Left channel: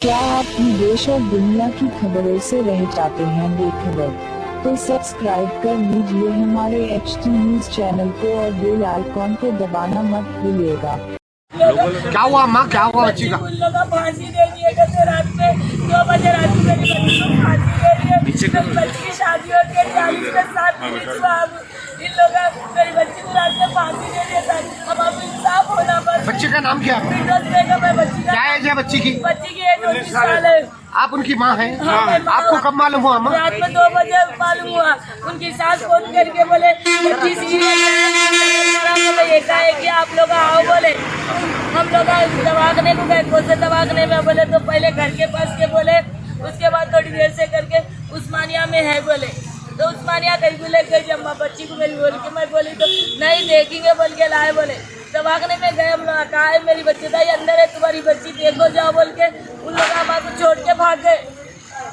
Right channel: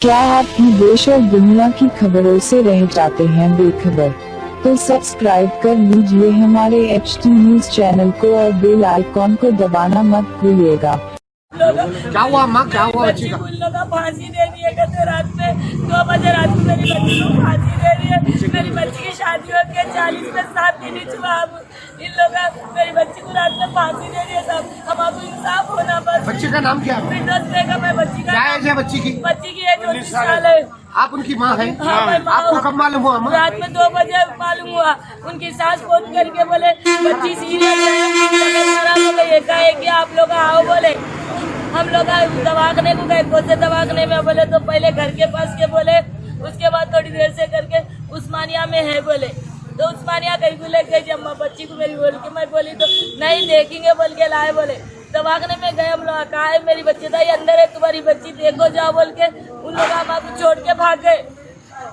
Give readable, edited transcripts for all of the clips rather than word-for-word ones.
क्या आप देश और दुनिया की खबरों से रह जाते हैं बेखबर? तो सब्सक्राइब कर लीजिए हमारे HT न्यूज चैनल को और बेल आइकॉन को दबाना मत भूलिएगा। क्या हुआ माँ, क्या हुआ बच्ची का? उन लोगों को फांसी दे दिए गए रात में 2 बजे रात में मेरी बच्ची को फांसी दे रही है। मेरी बच्ची की शादी होती है 40 में 7 दिन हुआ। अब इन लोगों मेरी बच्ची को रात में फांसी दे दिया था। हम अब इंसाफ होना बस। बच्ची का नाम क्या है? मैं बच्ची का क्या एज है बच्ची की? बच्ची की एज 29 साल है। आप उनकी माँ हैं? हाँ, मैं माँ आपको हूँ। कब मालूम हुआ माँ? रात में 2 बजे मालूम हुआ। उनकी सास फोन करके बोले बच्ची सीरियस है, एकाएक आप लोग आओ बोले। हम लोग दवाखाने को गए, कौन से दवाखाने में बोले तो पहले घर के पास के बोले, उसके बाद थोड़ी देर से करके उस्मानिया में है बोले। तो उस्मानिया कहीं बोले गई अम्मा बच्ची को मेरी बोल के, मैं बोली तो नहीं देखेंगे बोल के लाए बोले। दवाखाने में गए हम लोग, कहा है मेरी बच्ची दाई अंदर है, तुम्हारी बच्ची देखो जाओ बोल के उन लोग हमारे छोड़ के भाग गए।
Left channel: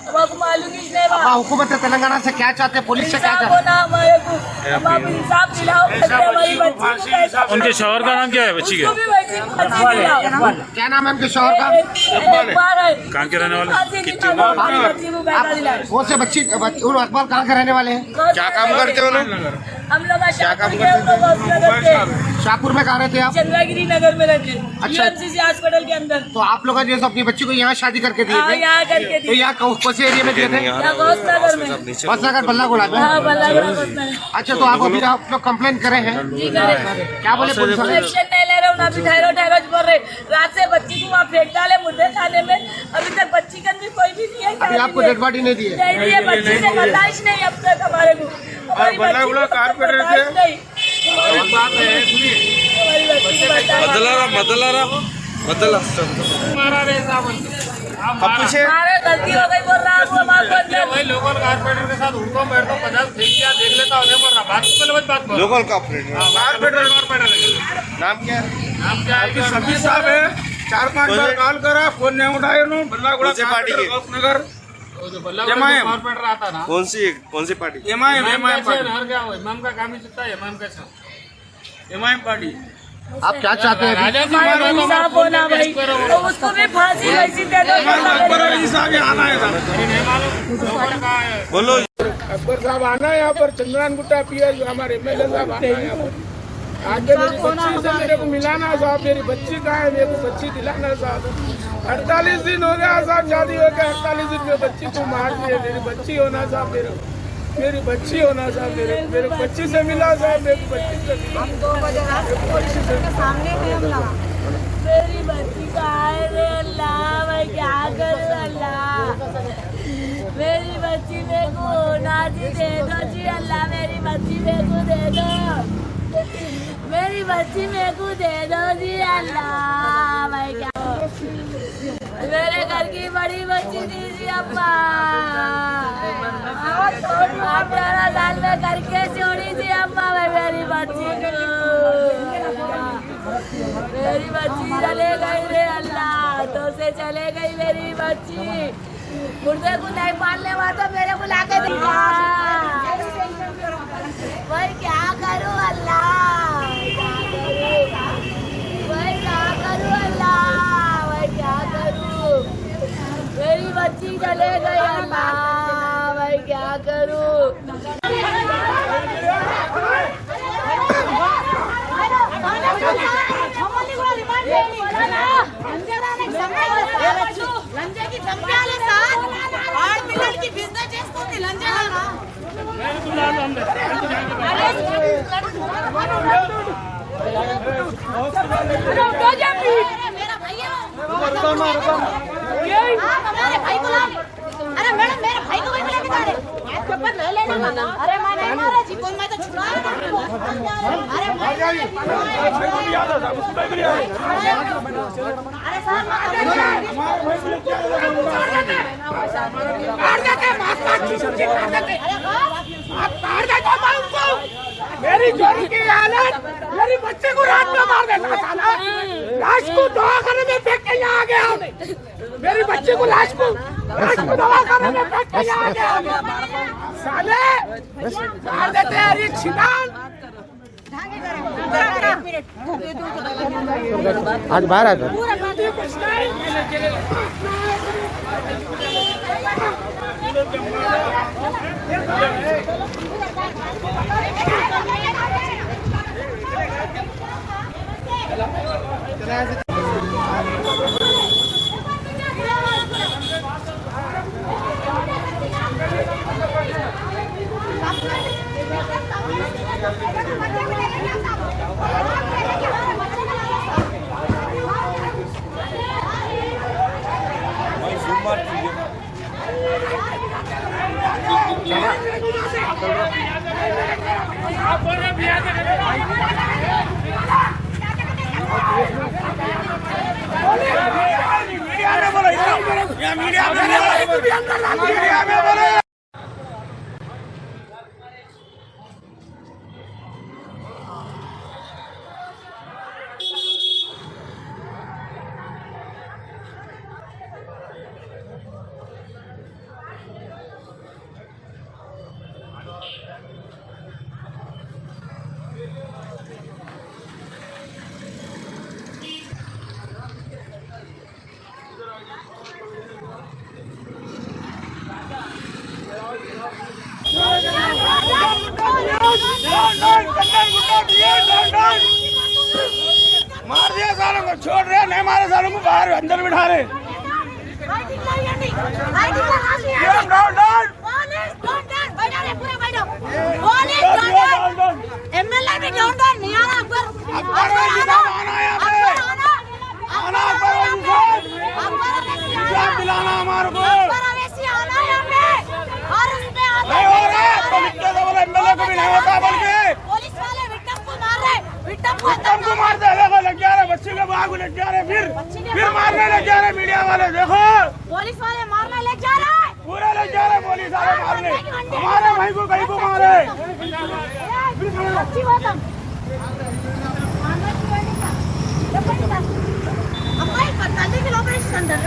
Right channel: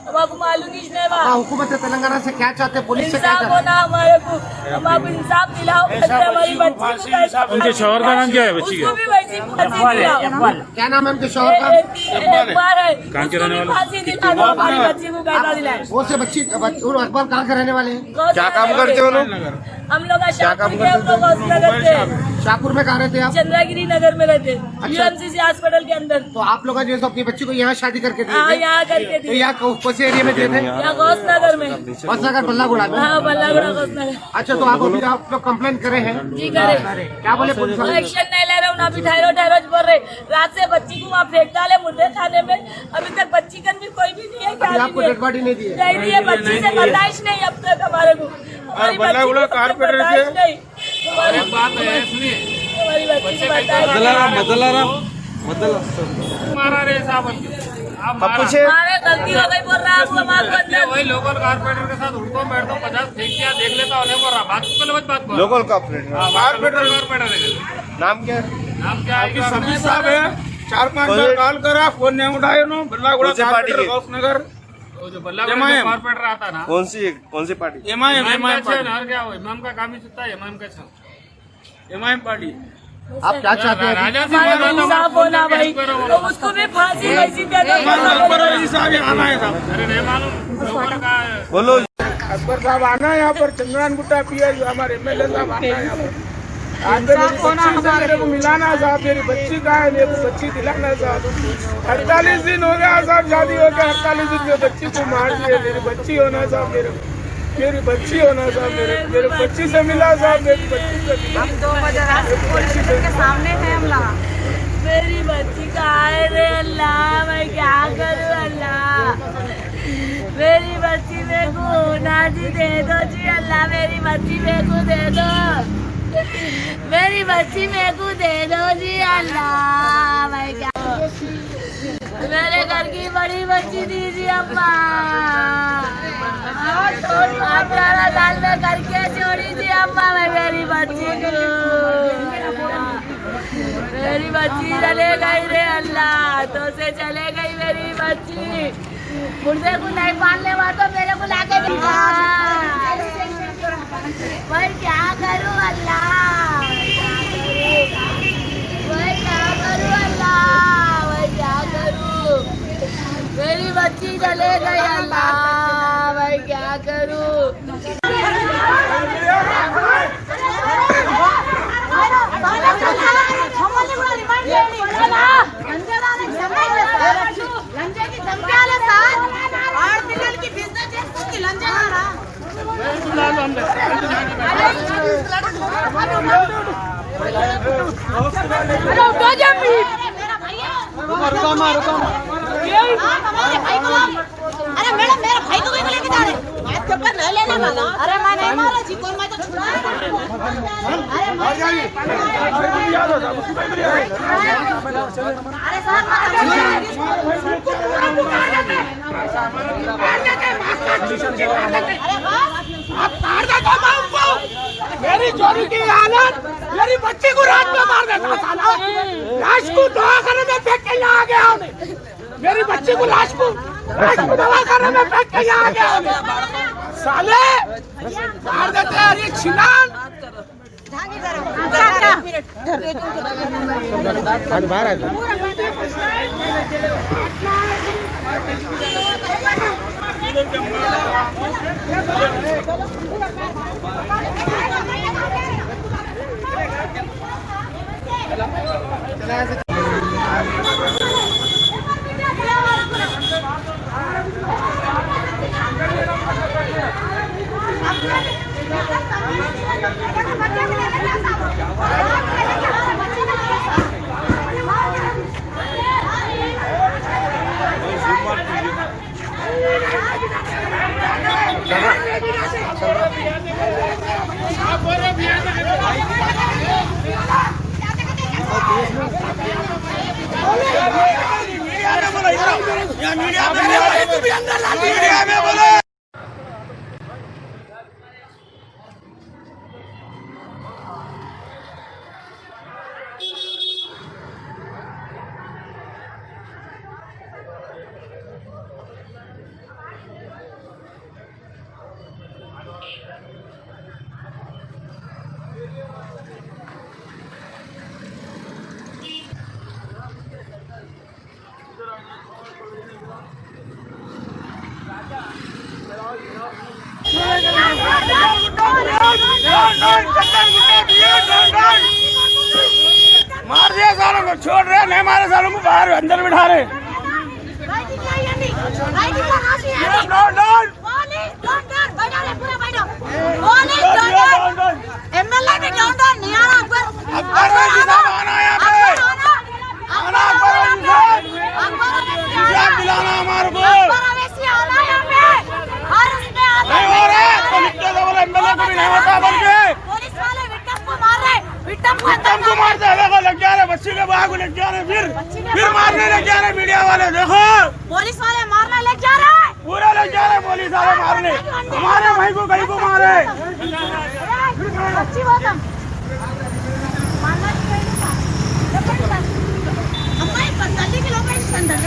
अब आपको मालूम ही नहीं बा। हुकूमत तेलंगाना से क्या चाहते हैं? पुलिस से क्या इंसाफ चाहते होना हमारे को, हम आप इंसाफ दिलाओ हमारी बच्ची को। उनके शौहर का नाम क्या है बच्ची के? उसको भी वैसी फांसी दिलाओ। हैं? क्या नाम है उनके शौहर का? इकबाल है। कहाँ के रहने वाले? फांसी दिलाओ हमारी बच्ची को पैदा दिलाए। कौन से बच्ची अकबर कहाँ के रहने वाले हैं? क्या काम करते हो लोग? हम लोग शाहपुर के, हम लोग हॉस्पिटल रहते हैं। शाहपुर में कहाँ रहते हैं आप? चंद्रगिरी नगर में रहते हैं, UMCC हॉस्पिटल के अंदर। तो आप लोग जैसे अपनी बच्ची को यहाँ शादी करके हाँ, दिए थे, यहाँ करके तो दी। यहाँ कौन से एरिया में दिए थे? यहाँ गौसनगर में। बसनगर बल्लागुड़ा में। हाँ, बल्लागुड़ा गौसनगर। अच्छा, तो आप लोग कंप्लेन करे हैं? जी करे। क्या बोले पुलिस वाले? एक्शन नहीं ले रहा हूँ, अभी ठहरो बोल रहे। रात से बच्ची को वहाँ फेंक डाले मुर्दे खाने में। अभी तक बच्ची के अंदर कोई भी नहीं है। क्या अभी आपको डेड बॉडी नहीं दी है? नहीं दिए, बच्ची से बर्दाश्त नहीं अब तक हमारे को। हमारी बच्ची को अब तक बर्दाश्त नहीं। हमारी बात है, सुनिए, हमारी बच्ची को हमारे गलती हो गई बोल रहा है, आपको माफ कर दे। वही लोकल कारपोरेटर के साथ उनको बैठो 50 फेंक किया देख लेता उन्हें बोल रहा बात बोल लोकल कारपोरेटर नाम क्या है? नाम क्या है? सभी साहब है। 4-5 बार कॉल करा, फोन नहीं उठाए उन्होंने। बल्लागुड़ा कौन सी पार्टी के? नगर जो बल्लागुड़ा में कारपोरेटर आता ना, कौन सी पार्टी? इमाम का क्या हो, इमाम का काम ही चलता है। इमाम का एमआईएम पार्टी। आप क्या चाहते हैं? राजा से हमारे बोल रहा था, इंसाफ होना भाई, तो उसको भी फांसी वैसी दे दो। अरे नहीं मालूम लोकल का है। बोलो। अकबर साहब आना है यहाँ पर, चंद्रान गुट्टा पिया जो हमारे MLA साहब आना है यहाँ पर। आगे मेरी बच्ची से मेरे को मिलाना है साहब। मेरी बच्ची कहाँ है? मेरे को बच्ची दिलाना है साहब। 48 दिन हो गया साहब, शादी हो गया 48 दिन में बच्ची को मार दिए। मेरी बच्ची होना साहब, मेरी बच्ची होना साहब। मेरे बच्ची से मिला साहब, मेरी बच्ची से मिला। 2 बजे बच्ची के सामने है हमला। मेरी बच्ची कहाँ है रे अल्लाह, मैं क्या करूँ अल्लाह। मेरी बच्ची मेरे को होना जी दे दो जी अल्लाह। मेरी बच्ची मेरे को दे दो, मेरी बच्ची मेरे को दे दो जी अल्लाह। मैं क्या, मेरे घर की बड़ी बच्ची दीजिए अम्मा। 18 साल में करके छोड़ी थी अम्मा मैं मेरी बच्ची को। मेरी बच्ची चले गई रे अल्लाह, तो से चले गई मेरी बच्ची। मुर्दे को नहीं पालने वाला तो मेरे को लाके दिखा। मैं क्या करूँ अल्लाह, मैं क्या करूँ अल्लाह, मैं क्या करूँ। मेरी बच्ची चले गई अल्लाह, मैं क्या करूँ। अरे मैडम मेरा भाई को लेके जा रहे हाथ के ऊपर ले लेने वाला। अरे मैं नहीं मारा जी, कौन मैं तो छुड़ा। अरे मेरी जोड़ी की हालत, मेरी बच्ची को रात में मार देता साला। लाश को दवाखाने में फेंक के यहाँ आ गया उन्हें। मेरी बच्ची को लाश को दवाखाने में फेंक के यहाँ आ गया साले। मार देते हैं ये छिनान। बाहर आ जाओ। मार दिया सालों को, छोड़ रहे नहीं मारे सालों को, बाहर अंदर बिठा रहे। एमएलए भी डाउन डाउन नहीं आ रहा अकबर अवैसी आना यहाँ पे और उसमें एमएलए को भी नहीं होता बल्कि पुलिस वाले विक्टिम को मार रहे, विक्टिम को अंदर मार रहे, देखो लग जा रहे, बच्ची के बाग लग जा रहे, फिर मारने लग जा रहे मीडिया वाले। देखो पुलिस वाले मारने लग जा रहे हैं, पूरा लग जा रहे पुलिस वाले मारने, हमारे भाई को कहीं को मारे। अच्छी बात है अम्माई 45 किलोमीटर अंदर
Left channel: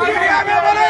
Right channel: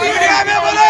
मीडिया में बोलो